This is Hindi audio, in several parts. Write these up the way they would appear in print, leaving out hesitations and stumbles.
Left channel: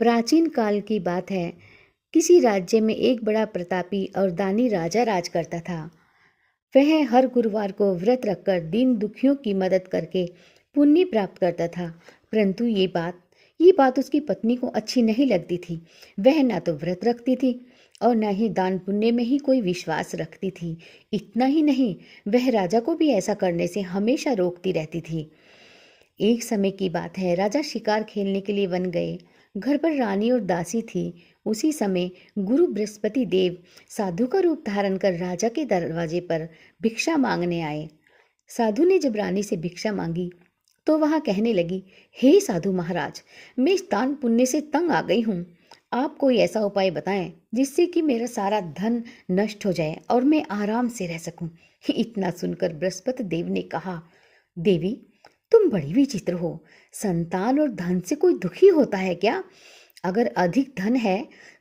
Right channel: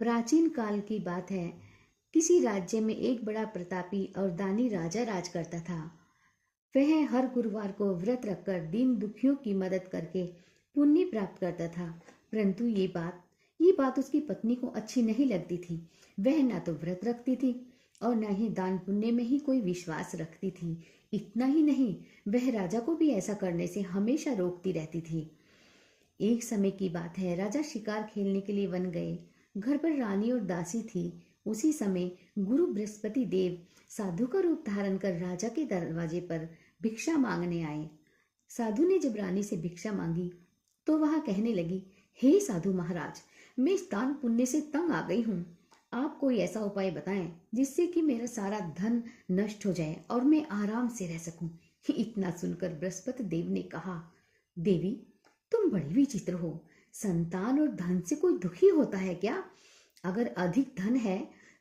प्राचीन काल की बात है। किसी राज्य में एक बड़ा प्रतापी और दानी राजा राज करता था। वह हर गुरुवार को व्रत रखकर दीन दुखियों की मदद करके पुण्य प्राप्त करता था। परंतु ये बात उसकी पत्नी को अच्छी नहीं लगती थी। वह ना तो व्रत रखती थी और ना ही दान पुण्य में ही कोई विश्वास रखती थी। इतना ही नहीं, वह राजा को भी ऐसा करने से हमेशा रोकती रहती थी। एक समय की बात है, राजा शिकार खेलने के लिए वन गए। घर पर रानी और दासी थी। उसी समय गुरु बृहस्पति देव साधु का रूप धारण कर राजा के दरवाजे पर भिक्षा मांगने आए। साधु ने जब रानी से भिक्षा मांगी तो वहां कहने लगी, हे साधु महाराज, मैं इस दान पुण्य से तंग आ गई हूँ। आप कोई ऐसा उपाय बताएं जिससे कि मेरा सारा धन नष्ट हो जाए और मैं आराम से रह सकूं। इतना सुनकर बृहस्पति देव ने कहा, देवी, तुम बड़ी विचित्र हो। संतान और धन से कोई दुखी होता है क्या? अगर अधिक धन है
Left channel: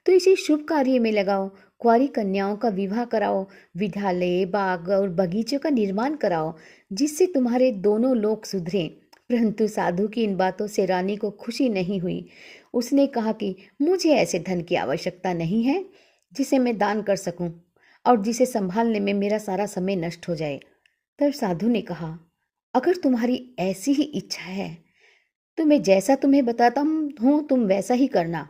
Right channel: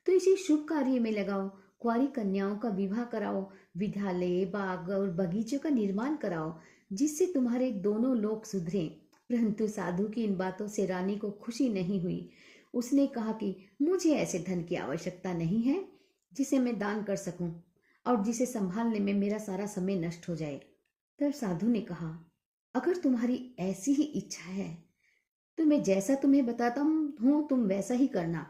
तो इसे शुभ कार्य में लगाओ। कुंवारी कन्याओं का विवाह कराओ, विद्यालय, बाग और बगीचों का निर्माण कराओ, जिससे तुम्हारे दोनों लोग सुधरें। परंतु साधु की इन बातों से रानी को खुशी नहीं हुई। उसने कहा कि मुझे ऐसे धन की आवश्यकता नहीं है जिसे मैं दान कर सकूं और जिसे संभालने में मेरा सारा समय नष्ट हो जाए। तब साधु ने कहा, अगर तुम्हारी ऐसी ही इच्छा है तो मैं जैसा तुम्हें बताता हूँ तुम वैसा ही करना।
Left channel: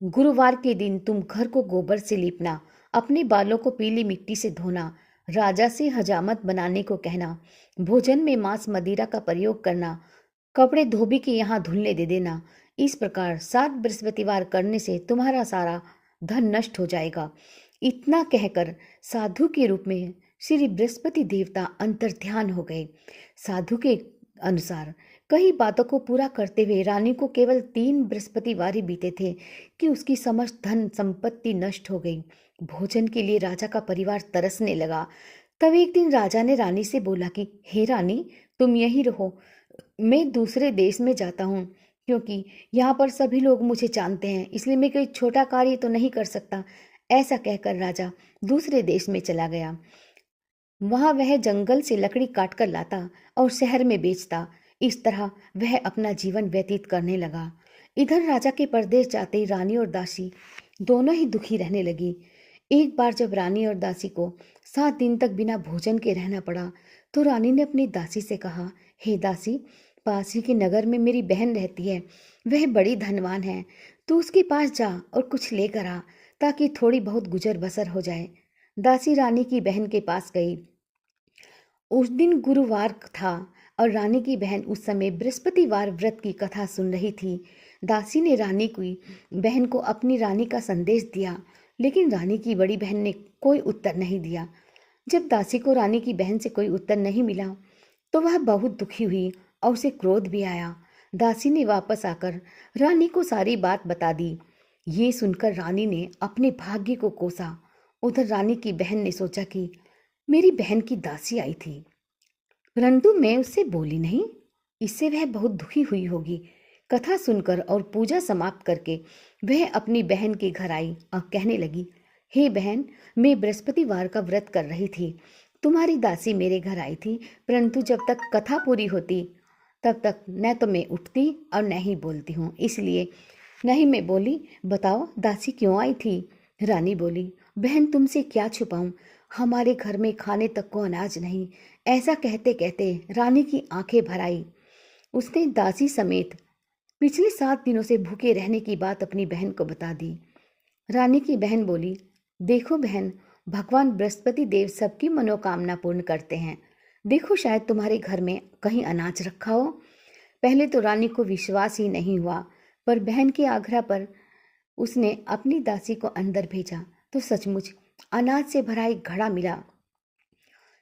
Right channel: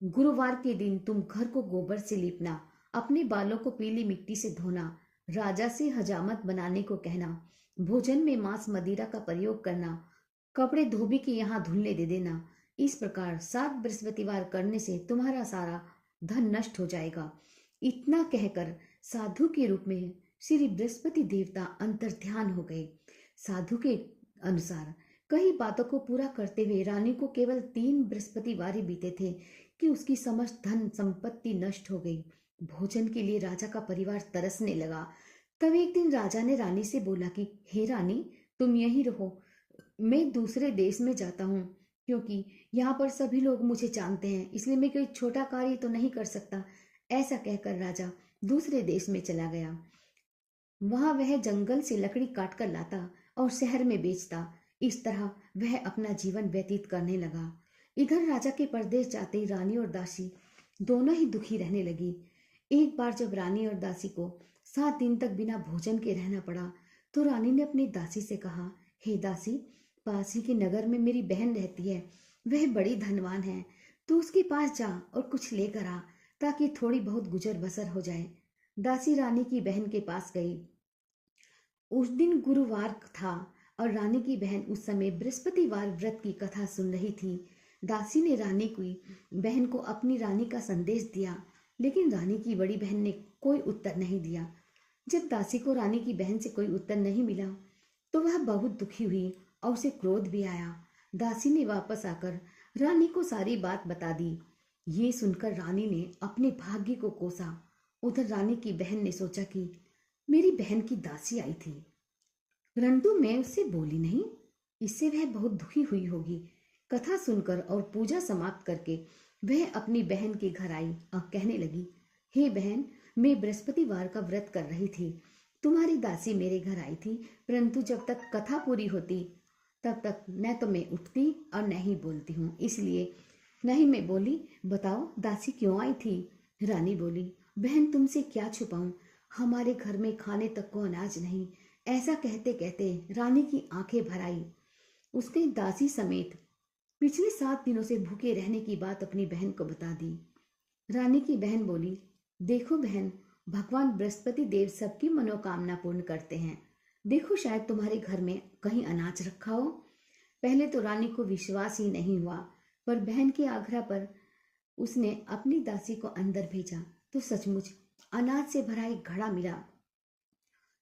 गुरुवार के दिन तुम घर को गोबर से लीपना, अपने बालों को पीली मिट्टी से धोना, राजा से हजामत बनाने को कहना, भोजन में मांस मदिरा का प्रयोग करना, कपड़े धोबी के यहाँ धुलने दे देना। इस प्रकार 7 बृहस्पतिवार करने से तुम्हारा सारा धन नष्ट हो जाएगा। इतना कहकर साधु के रूप में श्री बृहस्पति देवता अंतर्ध्यान हो गए। साधु के अनुसार कई बातों को पूरा करते हुए रानी को केवल 3 बृहस्पतिवार ही बीते थे कि उसकी समस्त धन संपत्ति नष्ट हो गई। भोजन के लिए राजा का परिवार तरसने लगा। तब एक दिन राजा ने रानी से बोला कि हे रानी, तुम यहीं रहो, मैं दूसरे देश में जाता हूँ, क्योंकि यहाँ पर सभी लोग मुझे जानते हैं, इसलिए मैं कोई छोटा कार्य तो नहीं कर सकता। ऐसा कहकर राजा दूसरे देश में चला गया। वहां वह जंगल से लकड़ी काट कर लाता और शहर में बेचता। इस तरह वह अपना जीवन व्यतीत करने लगा। इधर राजा के परदेश जाते रानी और दासी दोनों ही दुखी रहने लगी। एक बार जब रानी और दासी को 7 दिन तक बिना भोजन के रहना पड़ा तो रानी ने अपनी दासी से कहा, हे दासी, पास ही के नगर में मेरी बहन रहती है। वह बड़ी धनवान है। तू उसके पास जा और कुछ लेकर आ, ताकि थोड़ी बहुत गुजर बसर हो जाए। दासी रानी की बहन के पास गई। उस दिन गुरुवार था और रानी की बहन उस समय बृहस्पतिवार व्रत की कथा सुन रही थी। दासी ने रानी की बहन को अपनी रानी का संदेश दिया, लेकिन रानी की बड़ी बहन ने कोई उत्तर नहीं दिया। जब दासी को रानी की बहन से कोई उत्तर नहीं मिला तो वह बहुत दुखी हुई और उसे क्रोध भी आया। दासी ने वापस आकर रानी को सारी बात बता दी। ये सुनकर रानी ने अपने भाग्य को कोसा। उधर रानी की बहन ने सोचा कि मेरी बहन की दासी आई थी, परंतु मैं उससे बोली नहीं, इससे वह बहुत दुखी हुई होगी। कथा सुनकर और पूजा समाप्त करके वह अपनी बहन के घर आई और कहने लगी, हे बहन, मैं बृहस्पतिवार का व्रत कर रही थी। तुम्हारी दासी मेरे घर आई थी, परंतु जब तक कथा पूरी होती तब तक न तो मैं उठती और न ही बोलती हूँ, इसलिए नहीं मैं बोली। बताओ दासी क्यों आई थी? रानी बोली, बहन, तुमसे क्या छुपाऊं, हमारे घर में खाने तक को अनाज नहीं। ऐसा कहते कहते रानी की आंखें भर आई। उसने दासी समेत पिछले 7 दिनों से भूखे रहने की बात अपनी बहन को बता दी। रानी की बहन बोली, देखो बहन, भगवान बृहस्पति देव सबकी मनोकामना पूर्ण करते हैं। देखो, शायद तुम्हारे घर में कहीं अनाज रखा हो। पहले तो रानी को विश्वास ही नहीं हुआ, पर बहन के आग्रह पर उसने अपनी दासी को अंदर भेजा तो सचमुच अनाज से भरा एक घड़ा मिला।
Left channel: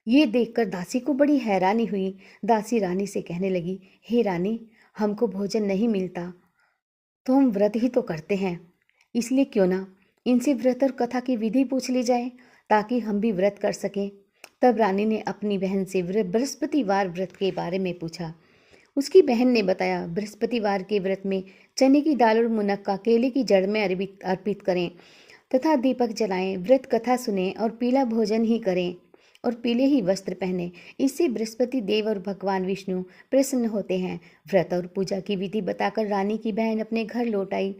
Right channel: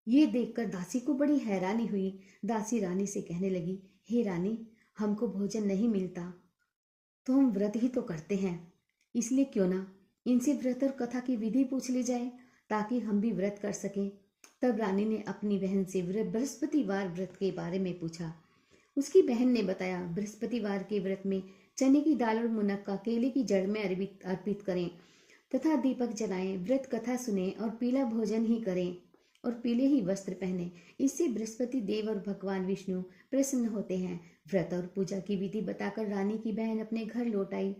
ये देखकर दासी को बड़ी हैरानी हुई। दासी रानी से कहने लगी, हे रानी, हमको भोजन नहीं मिलता तो हम व्रत ही तो करते हैं, इसलिए क्यों ना इनसे व्रत और कथा की विधि पूछ ली जाए, ताकि हम भी व्रत कर सकें। तब रानी ने अपनी बहन से बृहस्पतिवार व्रत के बारे में पूछा। उसकी बहन ने बताया, बृहस्पतिवार के व्रत में चने की दाल और मुनक्का केले की जड़ में अर्पित करें तथा दीपक जलाएं, व्रत कथा सुने और पीला भोजन ही करें। और पीले ही वस्त्र पहने। इससे बृहस्पति देव और भगवान विष्णु प्रसन्न होते हैं। व्रत और पूजा की विधि बताकर रानी की बहन अपने घर लौट आई।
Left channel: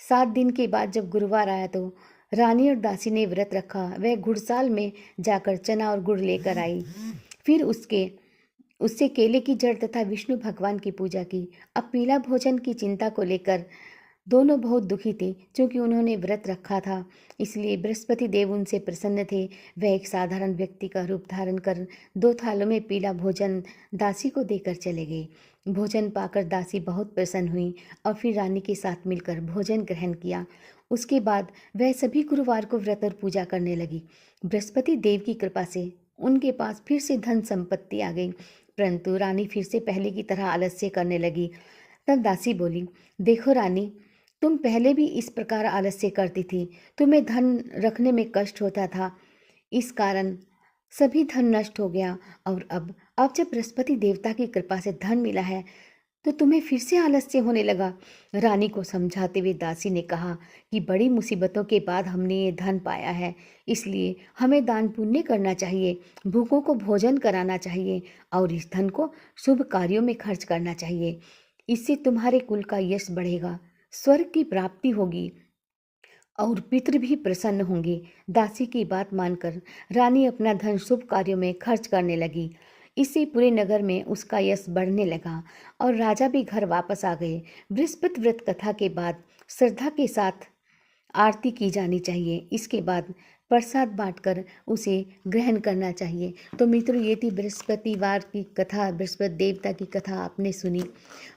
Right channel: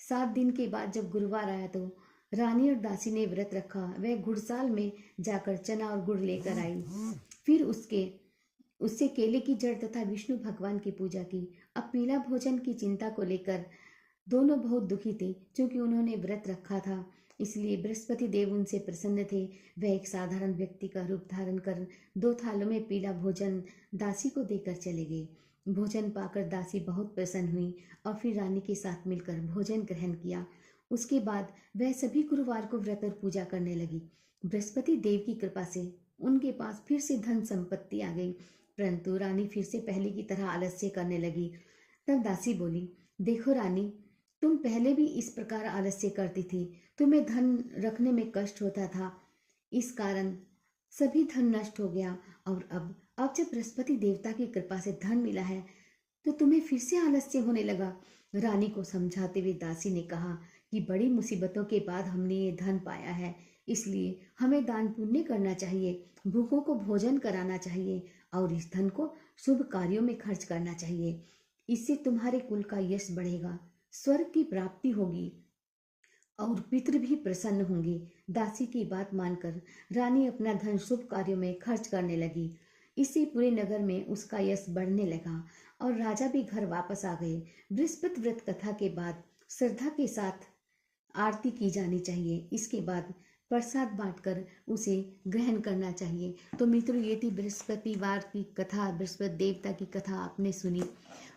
7 दिन के बाद जब गुरुवार आया तो रानी और दासी ने व्रत रखा। वह गुड़साल में जाकर चना और गुड़ लेकर आई। फिर उससे केले की जड़ तथा विष्णु भगवान की पूजा की। अब पीला भोजन की चिंता को लेकर दोनों बहुत दुखी थे, क्योंकि उन्होंने व्रत रखा था। इसलिए बृहस्पति देव उनसे प्रसन्न थे। वह एक साधारण व्यक्ति का रूप धारण कर 2 थालों में पीला भोजन दासी को देकर चले गए। भोजन पाकर दासी बहुत प्रसन्न हुई और फिर रानी के साथ मिलकर भोजन ग्रहण किया। उसके बाद वह सभी गुरुवार को व्रत और पूजा करने लगी। बृहस्पति देव की कृपा से उनके पास फिर से धन संपत्ति आ गई, परंतु रानी फिर से पहले की तरह आलस्य करने लगी। तब दासी बोली, देखो रानी, तुम पहले भी इस प्रकार आलस्य करती थी। तुम्हें धन रखने में कष्ट होता था, इस कारण सभी धन नष्ट हो गया। और अब जब बृहस्पति देवता की कृपा से धन मिला है तो तुम्हें फिर से आलस्य होने लगा। रानी को समझाते हुए दासी ने कहा कि बड़ी मुसीबतों के बाद हमने ये धन पाया है, इसलिए हमें दान पुण्य करना चाहिए, भूखों को भोजन कराना चाहिए और इस धन को शुभ कार्यों में खर्च करना चाहिए। इससे तुम्हारे कुल का यश बढ़ेगा, स्वर्ग की प्राप्ति होगी और पितृ भी प्रसन्न होंगे। दासी की बात मानकर रानी अपना धन शुभ कार्यों में खर्च करने लगी। इससे पूरे नगर में उसका यश बढ़ने लगा और राजा भी घर वापस आ गए। बृहस्पति व्रत कथा के बाद श्रद्धा के साथ आरती की जानी चाहिए। इसके बाद प्रसाद बांटकर उसे ग्रहण करना चाहिए। तो मित्रों, ये थी बृहस्पतिवार की कथा, बृहस्पति देवता की कथा आपने सुनी।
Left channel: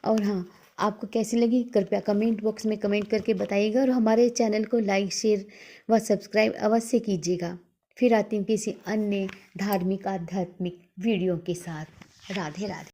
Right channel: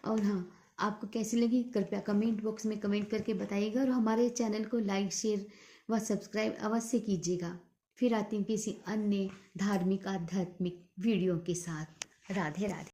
और हाँ, आपको कैसी लगी कृपया कमेंट बॉक्स में कमेंट करके बताइएगा और हमारे चैनल को लाइक, शेयर व सब्सक्राइब अवश्य कीजिएगा। फिर आती हूँ किसी अन्य धार्मिक आध्यात्मिक वीडियो के साथ। राधे राधे।